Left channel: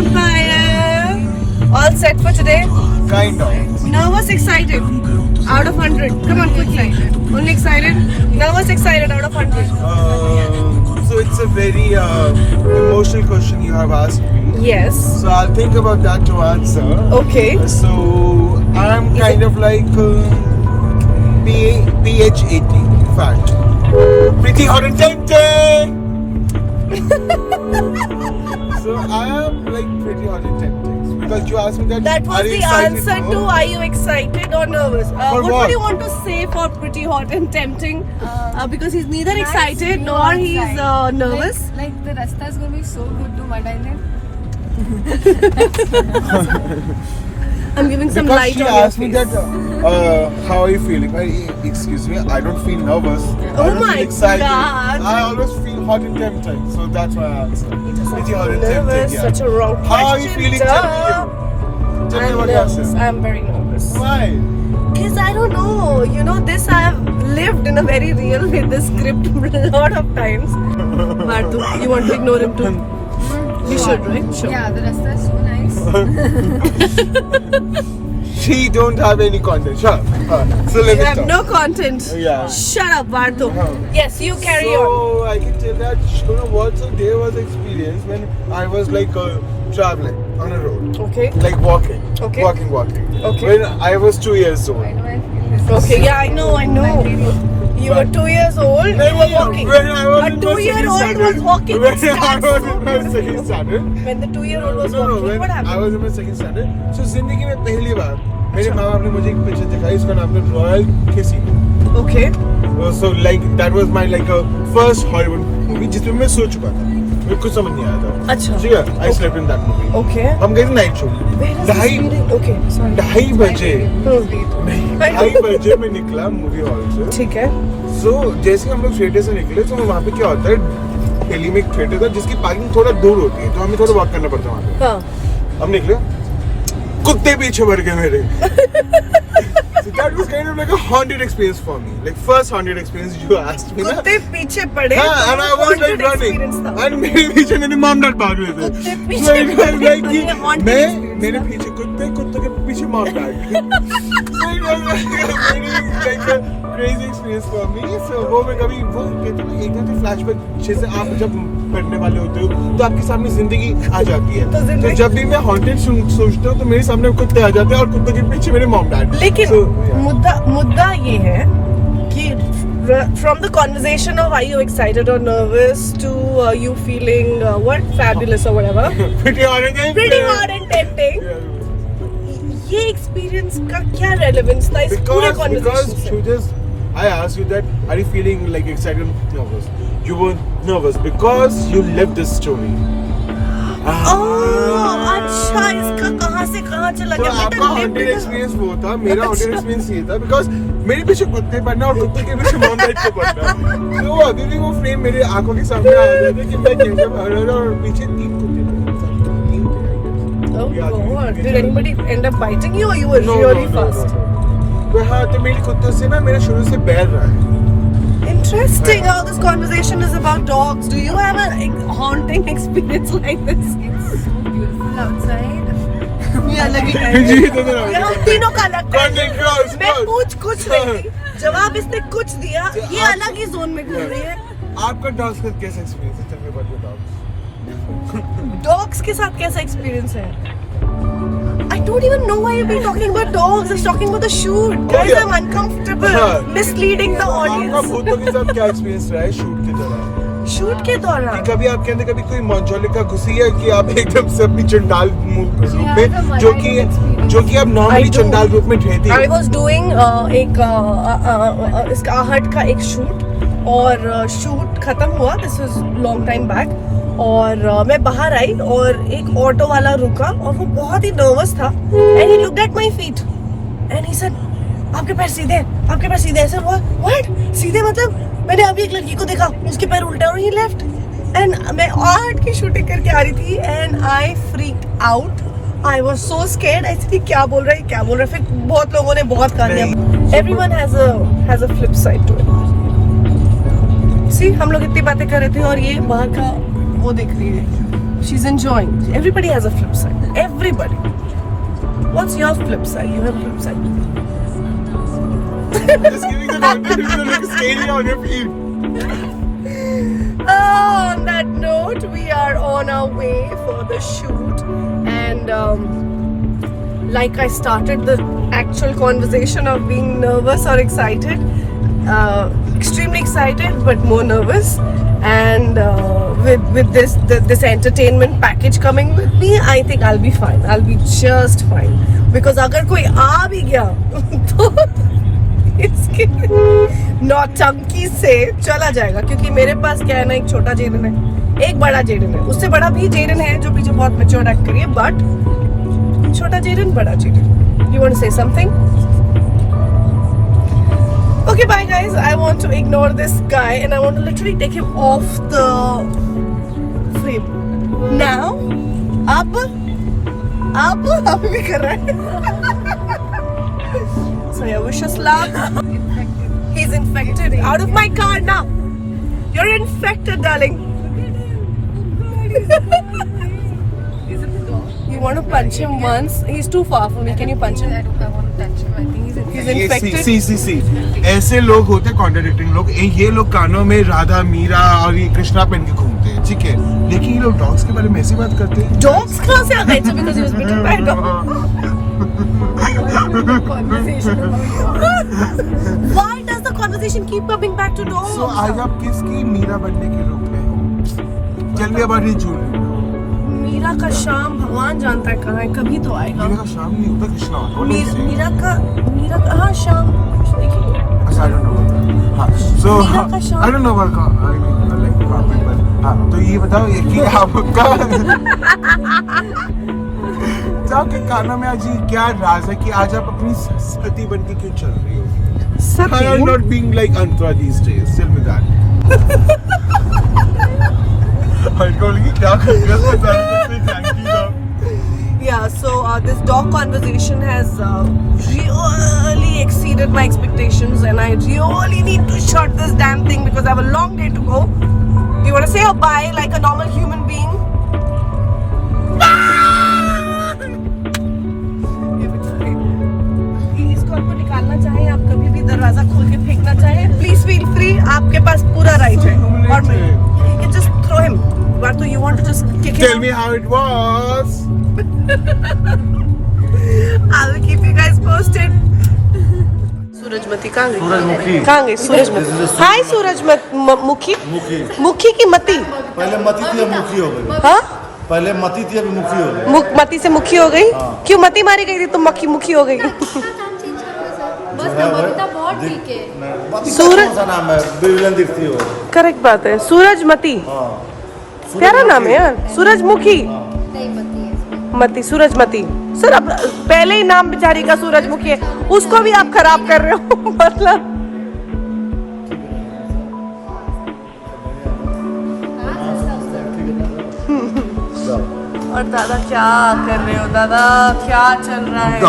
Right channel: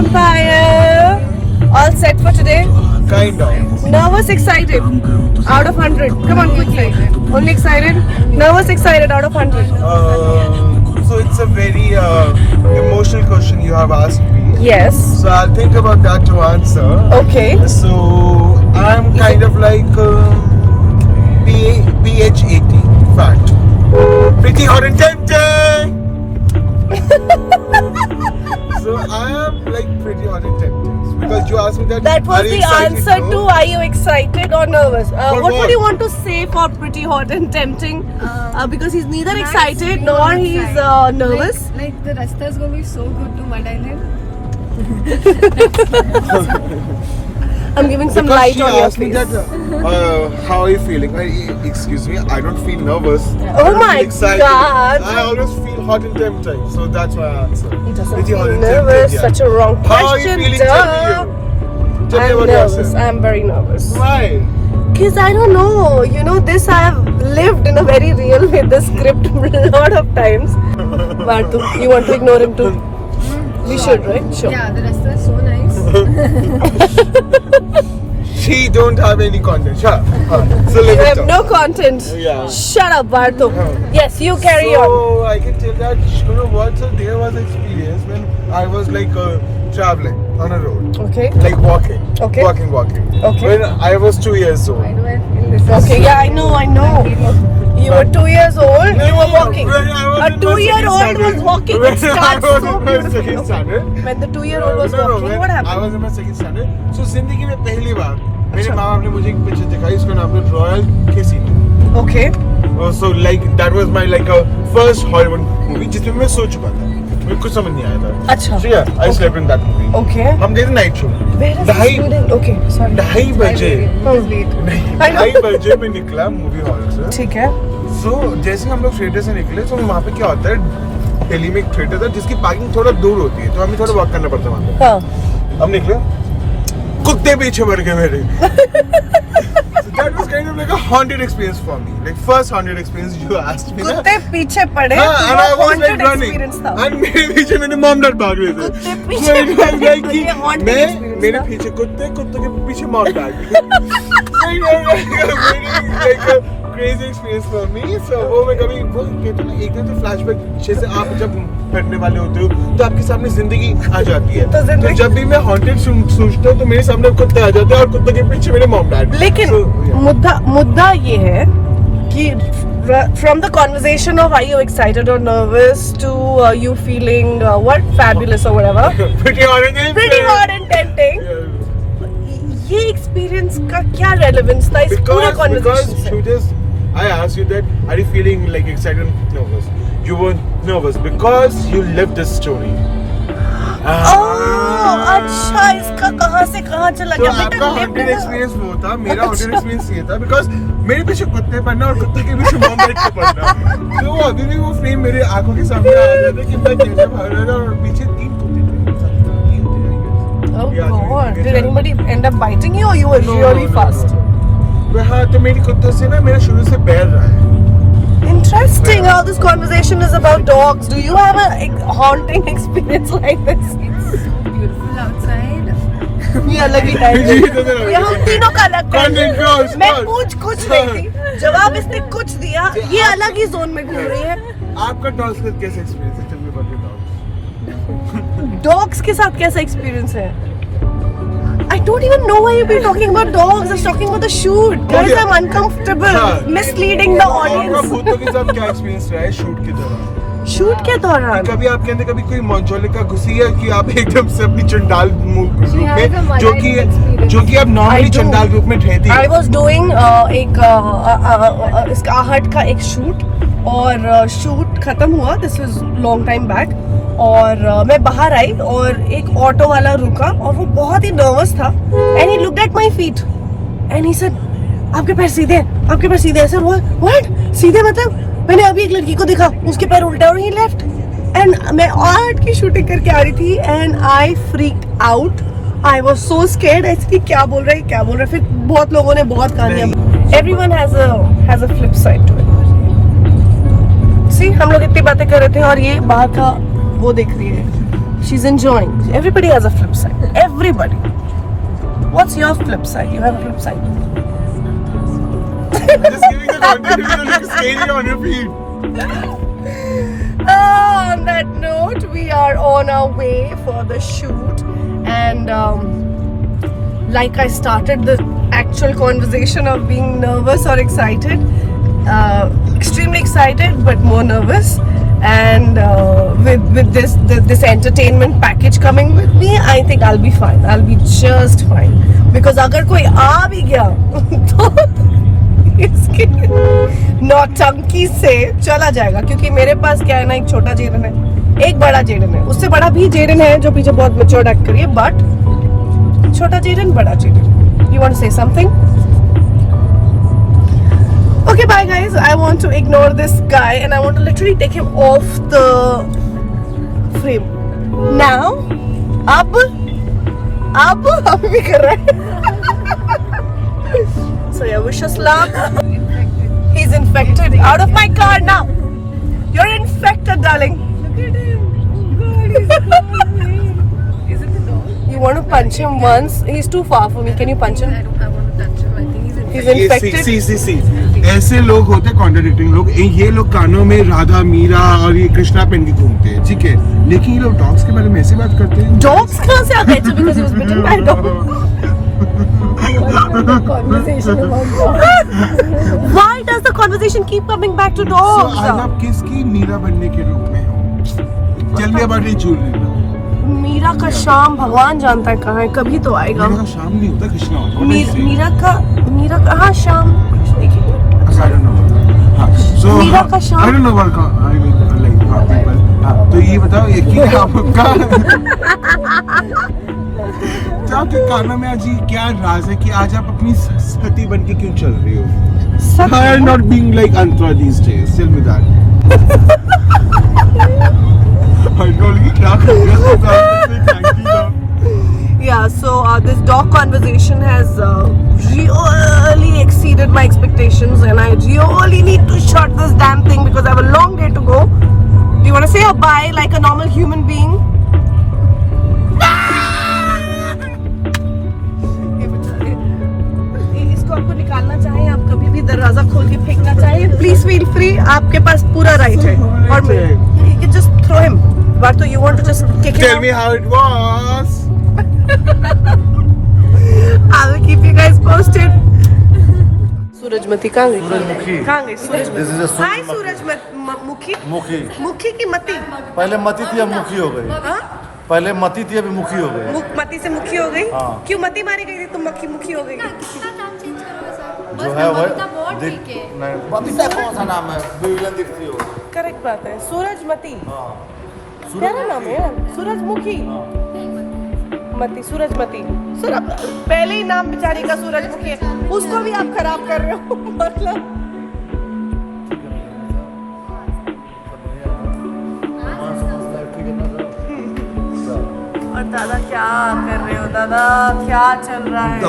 Empire. All set for today? Kind of. Nervous, excited? Out of 100. Come on, be excited. Only excited? Nervous, excited, out of 100. So it's a very emotional question you have asked me. Yes. So I'll think about that to answer. Okay. So I'm kind of like PH80 fat. Pretty hot and tempting. So I am like pretty hot and tempting. Because you asked me that. That was are you the excited? answer No? to are you excited or nervous? What what? would you want to say for pretty hot and tempting? Because he's neither excited nor he's nervous. Like the rasta is going to be so good to Mud Island. I'm giving some Because light she on your asked me face. that, how are you feeling? Excuse me, I don't feel nervous. I don't my feel excited. God. I always feel hot and tempting, so that's why I answered. He doesn't Pretty feel hot and nervous. tempted, yeah. Such a wrong question. How are you feeling? Tell me you. Tell me I'm about nervous. yourself. I'm very nervous. Why? Because I don't know. You know, this I have lived in a very real way. This script a lot of times. Vartu, you want to ignore him too? You should, right? Sure. Yeah, the rasta is so nice. She don't have any content. Sure. So You let me have talk. no content. Yeah. Shut up, Vartu. Oh. Yes, you carry on. So I can tell that you know what? So there was an experience when I was like traveling on a road, Okay. like walking, Okay. walking. Okay. When I was 2 years old. Why do I feel this? Okay, yeah, I know. You were 2 years old. You were walking. When I was A in my 2-year-old second was standard. walking. When It I starts was so in my second standard. When the 2-year-old was No, walking, when what I happened? was in my second standard. So जिंदगी में पहली बार मेरे अच्छा। माँ बाप ने मुझे एक पिक्चर दिखाई, इसका नाम था रॉयल किसी. Okay. So like that was my like first Hollywood movie जिसमें मैं सो चुका था. मुझे कुछ समझ नहीं आया था. अच्छा. So yeah, I slept in that movie. Okay. हम गए थे night show. Where is this ढाई reading? Okay, sorry. 2:30 बजे. Hmm. नहीं, I know. 2:30 बजे मैं निकला मूवी हॉल से. ठीक है. सो जैसे हम लोग थिएटर से निकले तो वहाँ पे क्या होता है, दिल्ली में एक थिएटर था जिसकी पार्किंग थोड़ा दूर होती है, तो हमें थोड़ा वॉक करना पड़ता है वहाँ पे. हाँ. हम निकले, कुत्ते पीछे मर गए मेरे. So that was kind of like a haunted experience for me, like first haunted experience you asked me ना. कुत्ते पीछे पड़े. हाँ, and I was Haunted like running, experience था. and मेरे पीछे मेरे मॉम डैड भाग रहे थे. कुत्ते पीछे मैं पड़े. like कि ये haunted मैं experience मेरे था. पीछे कुत्ते, कुत्ते के पीछे mom dad. Like a crazy experience for me. So वो मैं कभी वो कहते हैं ना, एक दिन तो फ्लैशबैक जैसे आप जब पढ़ने वाले होते हो तो आपके सामने जिंदगी आ जाती है. तो जब भी मैं हॉन्टेड सोचता हूँ तो मेरे सामने कुत्ते आ जाते हैं और कुत्ते के पीछे मेरे मॉम डैड. लेकिन So, yeah. मुद्दा ये है कि from the conversation of are you excited or nervous to you feeling what fabulous or whatever, Pretty hot and pretty hot and tempting. Yeah. ये experience का क्या relevance था इस पूरे Because conversation से? you just, I asked you that, are you feeling like excited or nervous? You were nervous because you lived this story. अच्छा, इसका कहाँ से कहाँ चला तो गया? आपका haunted experience वो था, मेरा haunted experience ये था because मेरे पीछे कुत्ते पड़ना और कुत्ते के पीछे मॉम डैड को पड़ना. तो वो अभी भी वो फ्रेम मेरे आंखों के सामने आ जाता है कि मैं कैसे भाग रहा था और पीछे 3 कुत्ते थे. Oh Yeah, God! you Did can- anybody end up biting you or you were really fast? तो हाँ, तो मेरे कुत्तों से ना मेरा शुरू से बैर रहा है. Interesting how this conversation is about dogs. Do you have a haunting experience like this? It's so beautiful outside. ये अलग ही टाइम जी, तो मेरा- ये हम तीनों का अलग Content goes, मैं goes. कुछ नहीं थी. जवाब इसने कुछ दिया. ये अलग ही जोन में घूम रही है. आपका डॉग्स का कैसा एक्सपीरियंस है? Tell me about your dogs. Dogs के साथ कैसा एक्सपीरियंस है? I don't even know why you've been talking about dogs. I was talking about the shoot. Guys, Okay. I'm uncomfortable. हाँ. Misleading the आपका audience. भूतों के साथ क्या एक्सपीरियंस रहा है शूट के दौरान? शूट के दौरान कभी आपके अंदर कभी कोई मौजूलिका घुसी है कि आप एकदम से अपनी चंडाल रूप has a में जो कि experience. आप I नॉर्मली do. चंडाल रूप में रहती I है. was doing इसका आहट का एक शूट और शूट खत्म हुआ. This was long time back. और मैं बाहर आई और एक ऑटो वाला रुका और वो बहुत ही नर्वस था. And he looked at my feet and he said, आपके पैर सीधे हैं, आपके पैर सीधे हैं. Sir what? सीधे मतलब मैंने अभी एक लड़की को देखा उसके पैर उल्टे और he left. And मैं आर्ट की शूटिंग करके आ रही थी and I freaked out. I was so scared. ऐसे कि क्या बोल रहा है. फिर बहुत लोगों ने बहुत कहानियां. Everyone has a flip side to it. See, हम लोग इतनी बातें कर रहे थे और ये बाहर का वो देख रही है. She's enjoying. Everybody has a flip side. Everybody. What's your flip side? You have a flip side. Just giving the content, you look scary on your feet. On that note, we are on our way for the shoot, and like I started the actual conversation of being nervous or excited, extremely excited but more nervous, and with this entertainment package coming with me, I think I'll be fine. I'll be just fine, because अगर कोई आ भी गया तो इसके नौटंकी से चला जाएगा, क्योंकि मेरे पास क्या है ना, एक छोटा जेडन है, एक बड़ा जेडन है, उससे बड़ा भी जेडन है जो पीछे बहुत मैच्योर एक्ट करिए, बट छोटा जेडन बड़ा Jadon. You want to say something? Okay, bye guys. I want to ignore this guy and I want to literally take him off the frame. Now, अब भी कर रहा है. So yeah, wish us luck. He's infected. Out of my car now. You're infected, darling. Look at him. Oh God, he's Is it the dog? You want to punch him once? He's too far for me. Can you punch him? I want to touch him. I think he's He's infected. infected. सी ऐसे लोग होते कॉन्ट्राडिक्टिंग लोग. ये लोग कानों में राधा मीरा और ये कृष्णा पहन के घूमते हैं, ठीक है, लेकिन ये लोग डॉग्स के बारे में ऐसी बात करते हैं. Dogs कहाँ से आ गए? So because he was bitten by a dog. Conversation about dog. Why does the conversation keep coming back to So, dogs? आज आप किसकी मीरा बनने के रूप में हो? Tell me about it, Julie. Meera का शाम भगवान जानता है कहाँ है, कभी तो आएगा. मीरा का शाम नहीं होता, कृष्णा होता है. मीरा का हाँ शाम देखिए. I don't know. हाँ, so मीरा का शाम. I don't know what I mean, like, हाँ, तो ये बताओ ये कि आपका तो आपके कानों में आज ये क्या राज है कि आज आप अपनी सती बन के क्यों चल रही हो? How are you not being like Antra these days? Tell me that. I told you क्या कर रहे हो? Thank you. Yeah, so this dog conversation has really exceeded my expectations, and I really need to shut this damn thing because I have a long day to go. Do you want to say a bye like a normal human being? Please call को निकालना चाहें आप, कभी भी दरवाजा खोल के फेंकना चाहें, please feel free. आपके पास पूरा राइट है. और you can just throw him. But you want to just kick him Tell out? me how it was. I will keep you guys posted. सूरजमती कहाँ गई? कहाँ गई सूरजमती? हाय सूरजमुखी. मुखी की मती. पहले मती थी अब मुखी हो गई. हाँ? पहले मती थी अभी मुखी हो गई. मती से मुखी हो गई? क्यों मती मारी गई थी तो मुखी हो गई? जो है वो सूरज कौन सा नाम है? विलन दिखती हो. करेक्ट बात है. सूरजमती प्यारा नाम है यार. सूरजमुखी मती सूरजमती. सर अब पहले ही नाम बेचारी का सूरजमुखी है, उसको भी आप खराब कर रहे हो. मतलब और दादा क्या कर रहे हो? दादा क्या चल रहा है?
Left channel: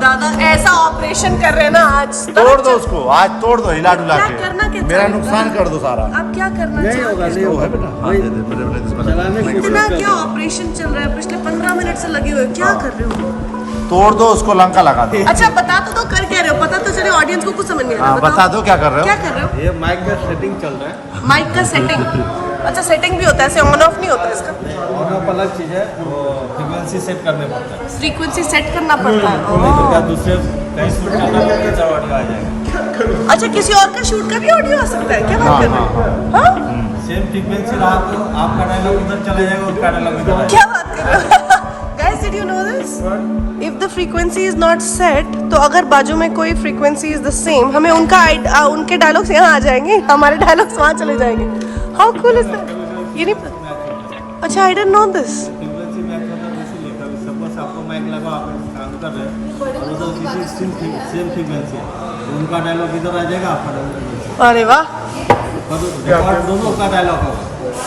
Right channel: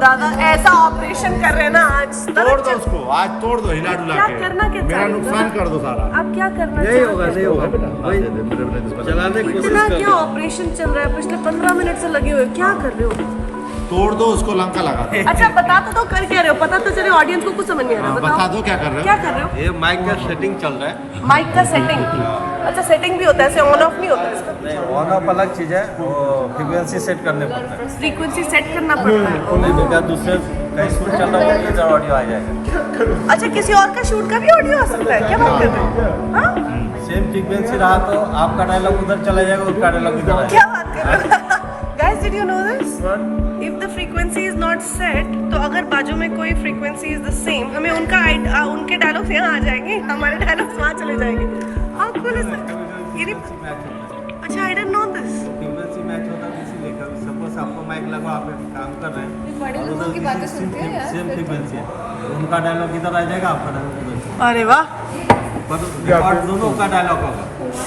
दादा ऐसा ऑपरेशन कर रहे हैं ना आज. तोड़ दो उसको, आज तोड़ दो, हिला डुला क्या के. करना क्या मेरा चाहते हो? नुकसान कर दो सारा. अब क्या करना नहीं होगा नहीं होगा वही चलाने की इतना कोशिश कर क्या ऑपरेशन चल रहा है? पिछले 15 मिनट से लगे हुए हो. क्या कर रहे हो? तोड़ दो उसको, लंका लगा दो. अच्छा बता तो दो कर क्या रहे हो, पता तो चले ऑडियंस को कुछ समझ नहीं आ हाँ, रहा. बता दो क्या कर रहे क्या हो. कर रहे हो? ये माइक का सेटिंग चल रहा है. माइक का सेटिंग. अच्छा सेटिंग भी होता है, ऐसे ऑन ऑफ नहीं होता इसका. ऑन ऑफ अलग चीज़ है, वो फ्रीक्वेंसी सेट करने पड़ता है. फ्रीक्वेंसी सेट करना पड़ता नहीं तो है. क्या दूसरे कहीं शूट चल रहा हो इधर ऑडियो आ जाएगा. अच्छा किसी और का शूट का भी ऑडियो आ सकता है? क्या बात कर रहे हो? हाँ? सेम फ्रीक्वेंसी रहा तो आपका डायलॉग उधर चला जाएगा, उसका डायलॉग इधर आएगा. क्या बात कर रहे हो? Guys, did you know this? If the frequency is not set, तो अगर बाजू में कोई frequency is the same, हमें उनके डायलॉग्स यहाँ आ जाएंगे, हमारे डायलॉग्स वहाँ चले जाएंगे. How cool is that? ये नहीं. अच्छा, I didn't know this. Frequency match होता है तो इसीलिए कभी सपोज आपको माइक लगा, आप काम कर रहे हैं और उधर किसी सेम फ्रीक्वेंसी है तो उनका डायलॉग इधर आ जाएगा, आपका डायलॉग उधर. अरे वाह. पर रिकॉर्ड दोनों का डायलॉग होगा,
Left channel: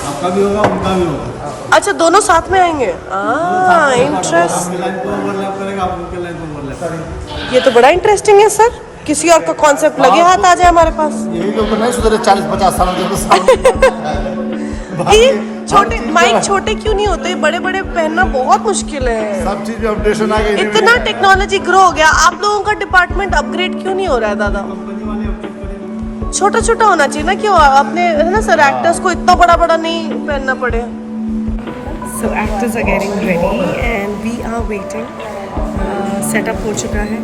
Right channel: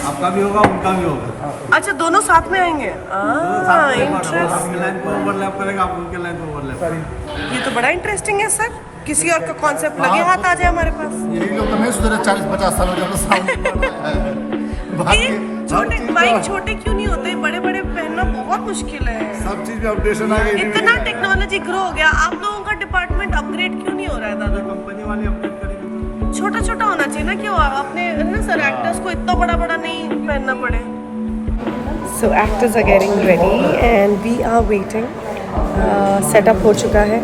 आपका भी होगा उनका भी होगा. अच्छा दोनों साथ में आएंगे. इंटरेस्ट. इंटरेस्ट. आपकी लाइन को ओवरलैप करेगा, आप उनके लाइन को ओवरलैप करेंगे. ये तो बड़ा इंटरेस्टिंग है सर. किसी और का कॉन्सेप्ट लगे हाथ आ जाए हमारे पास. यही लोग तो नहीं सुधरे 40-50 साल में जब साउंड छोटे माइक छोटे क्यों नहीं होते, बड़े बड़े पहनना बहुत मुश्किल है। सब चीज में अपडेशन आ गई। इतना टेक्नोलॉजी ग्रो हो गया, आप लोगों का डिपार्टमेंट अपग्रेड क्यों नहीं हो रहा है दादा? कंपनी वाले अपडेट करेंगे। छोटा छोटा होना चाहिए ना, क्यों अपने है ना सर, एक्टर्स को इतना बड़ा बड़ा नहीं पहनना पड़े। So actors are getting ready and we are waiting. Setup हो चुका है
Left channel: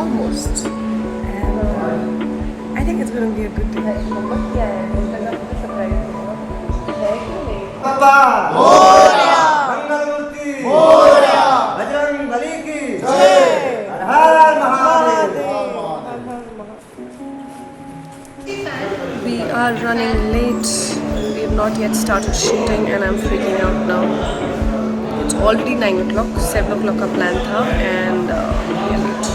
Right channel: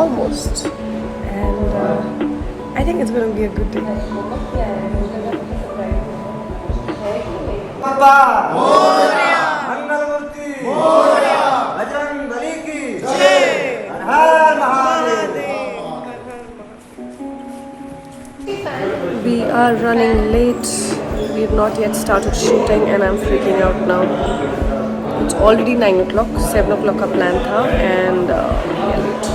almost and I think it's going to be a good day. We are running late. We have not yet started shooting and I'm freaking out now. It's already 9 o'clock. 7 o'clock का plan था and we are late.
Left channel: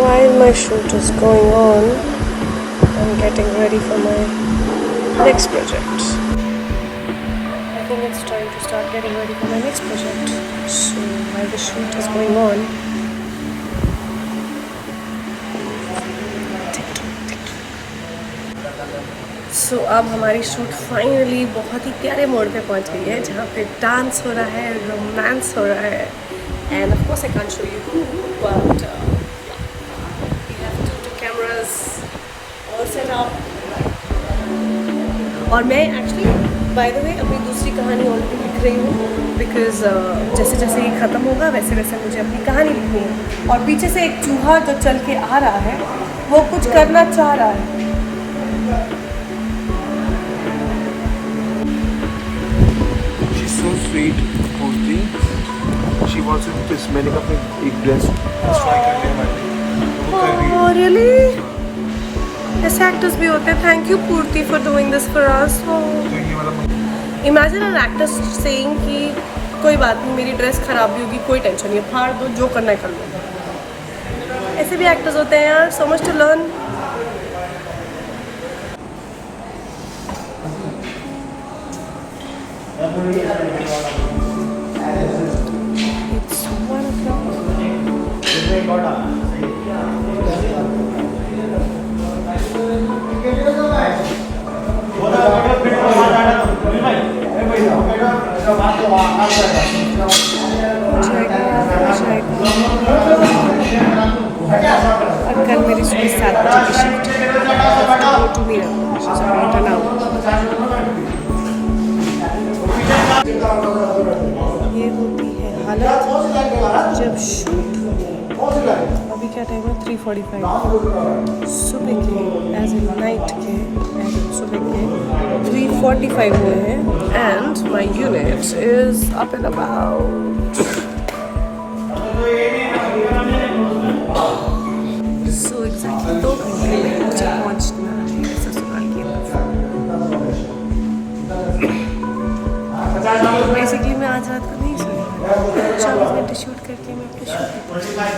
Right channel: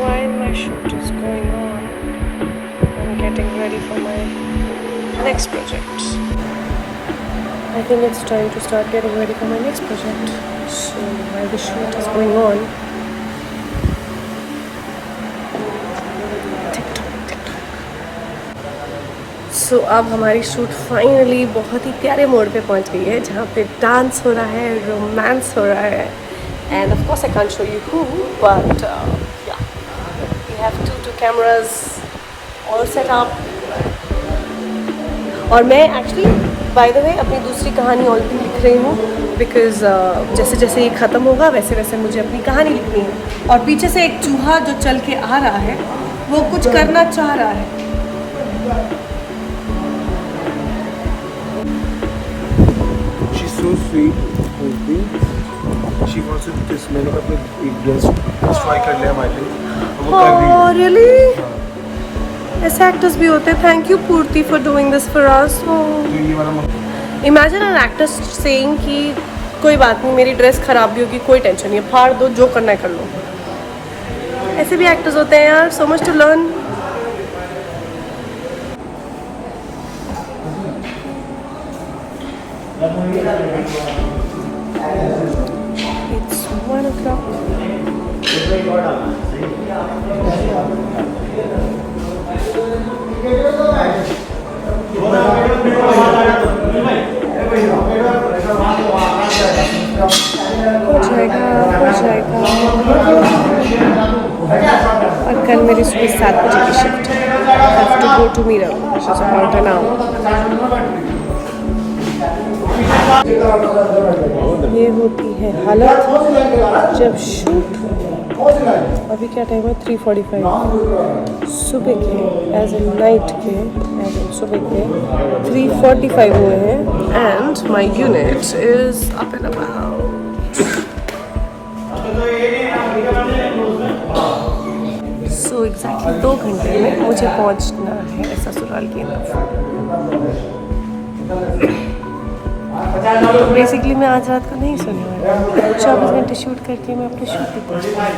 While my shoot is going on, I'm getting ready for my next project. I think it's time to start getting ready for my next project. So while the shoot is going on, So, अब हमारी shoot finally बहुत ही प्यारे मोड़ पे पहुंच गई है, जहाँ पे डांस हो रहा है, रोमांस हो रहा है and of course I can't show you who but ya we have two cameras all set up. और मैं एक्चुअली बाय द वे अपनी दूसरी कहानी ऑलरेडी लिख रही हूँ बिकॉज जैसे जैसे ये ख़त्म होगा वैसे वैसे मुझे अपनी कहानी लिखनी है। और पीछे से एक चूहा जो चल के आ रहा है वो कुछ करना चाह रहा है। So sweet, Purti. She wants to kiss me. मैंने एक ड्रेस ट्राई कर लिया हमारे। Oh really? ऐसे एक्टर्स भी होते हैं। थैंक यू पूर्ति for doing this for us. Imagine an actor saying कि कोई बात नहीं, मेरी ड्रेस खराब भी होगी, कोई टेंशन नहीं है, फाड़ दो, जो करना है कर लो। ऐसे भी एक्टर्स होते हैं यार। So much to learn. It's 1 o'clock. हो जाएगा। और कल मेरी सुबह 7 बजे की शिफ्ट है। गो टू मीरा ये होती है हालत जब शूट। अभी क्या टाइम है? 3:45 सुबह के, एज ए नाइट के, एज ए सुबह के 3:45 हुए हैं and my unit is up and about. So exactly 2 घंटे में मुझे पहुंचना है ससुराल के अंदर। तो बेसिकली मैं आज रात को नहीं सोने वाली। 24 घंटे शूट करके मैं अपने शूट पे पहुंचूँगी।